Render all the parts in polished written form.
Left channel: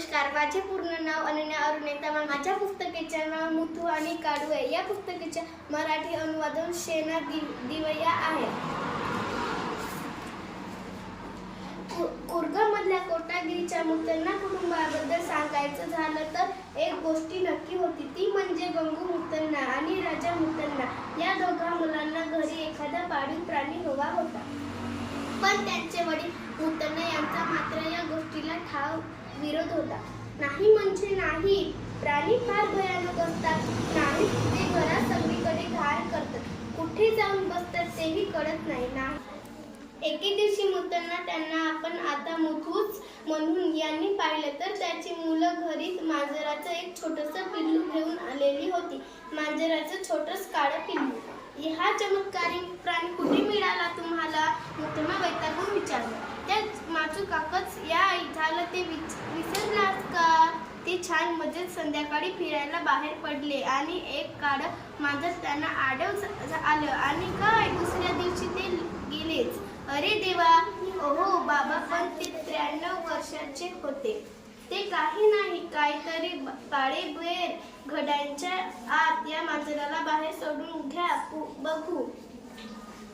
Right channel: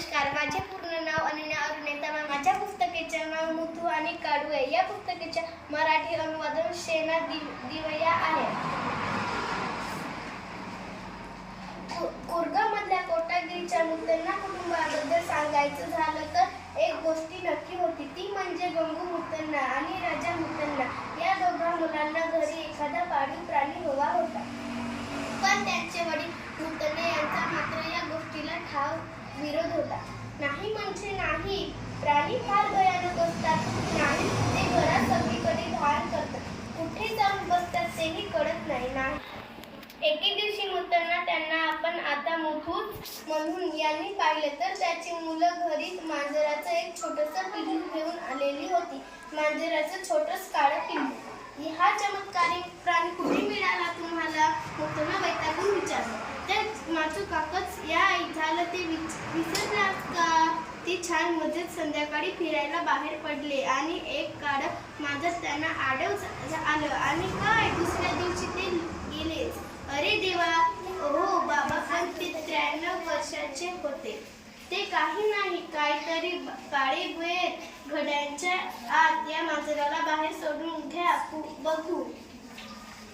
नमस्कार, माझे पूर्ण नाव अनन्या अरुणेता. माझ्या पुस्तकाचे नाव मुथू आणि काडू आहे. या पुस्तकाचे मराठी अनुवादन शेना दिवया आहे. कुर्गामधल्या कोटागिरीच्या मुत्तन्ना कुटुंबाबद्दल सांगायचं झालं तर एक गोष्ट नक्की होती, ती म्हणजे गंगू मुत्तन्ना आणि राजा मुत्तन्ना. या दोघा मुलांना घरी एखादा पाळीव प्राणी हवा होता, पण त्यांचे वडील मुत्तन्ना यांचा मात्र या गोष्टीला ठाव विरोध होता. नाही म्हणजे नाही, प्राणी फार भयानक असतात. नाही, ते घरात सगळीकडे घाण करतात, कुठे जाऊन बसतात तेही कळत नाही. एके दिवशी मुत्तन्ना त्यांना आपण आता मुथूच म्हणून यांनी पाहिलं तर त्याची मुलं घरीच मांजराचं एक छोटंसं पिल्लू घेऊन आलेली होती. मांजराचं छोटंसं काळं पिल्लू. हा चमत्कारी प्राणी कुठे मिळाला तुम्हाला? मुत्तन्ना वैतागून विचारलं. त्या माचू काकच या झालं ते विसरलात का? ती छान मजेत संध्याकाळी फिरायला बाहेर पडले आणि एक काळं मांजर त्यांना आडव आलं आणि काय दुसऱ्या दिवशी ते गेलेच. अरे देवा, ओहो बाबा, पण ते 93 वर्षाचे होते. ते काही नाही, काहीतरी काळे बेर घड्यांच्या आत. या मांजराला बाहेर सोडून घ्या, बघू.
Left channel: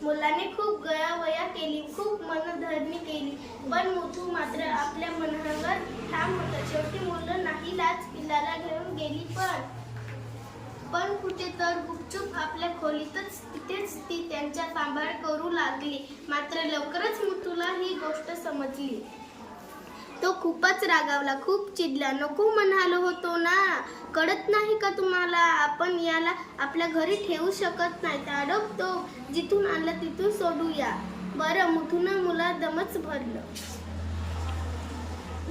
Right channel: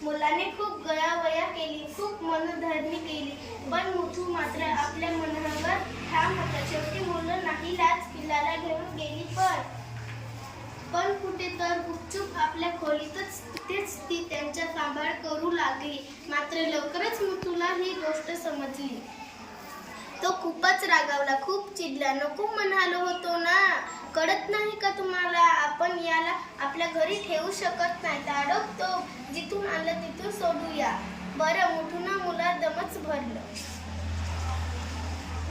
मुलाने खूप गयावया केली, खूप मनधरणी केली, पण मुथू मात्र आपल्या मनावर ठाम होता. शेवटी मुलं नाही लाच पिल्लाला घेऊन गेली, पण कुठे तर गुपचूप आपल्या खोलीतच तिथेच ती त्यांचा सांभाळ करू लागली. मात्र लवकरच मुथूला ही गोष्ट समजली. तो खूपच रागावला, खूप चिडला. नको म्हणालो होतो ना, कळत नाही का तुम्हाला? आपण याला आपल्या घरी ठेवू शकत नाही. ताबडतोब जिथून आणलं तिथून सोडूया. बरं, मुथूनं मुला दमच भरलं.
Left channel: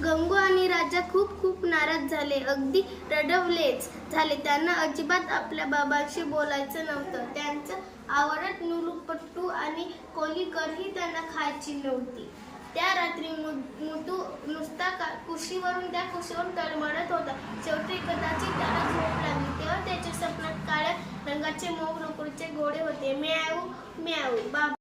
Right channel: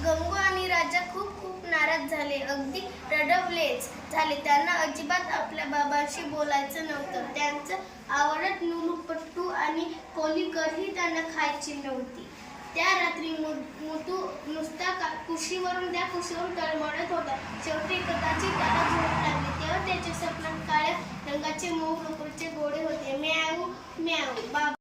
गंगू आणि राजा खूप नाराज झाले, अगदी रडवलेच झाले. त्यांना अजिबात आपल्या बाबांशी बोलायचं नव्हतं. त्यांचं आवडत नुलुपट्टू आणि कोलीकरही त्यांना खायची नव्हती. त्या रात्री मुथू नुसता कुशीवरून तळमळत होता. शेवटी कदाचित त्याला झोप लागली, तेव्हा त्याच्या स्वप्नात काळ्या रंगाचे मऊ लोकरीचे घोडे होते. म्याऊ म्याऊ. बाबा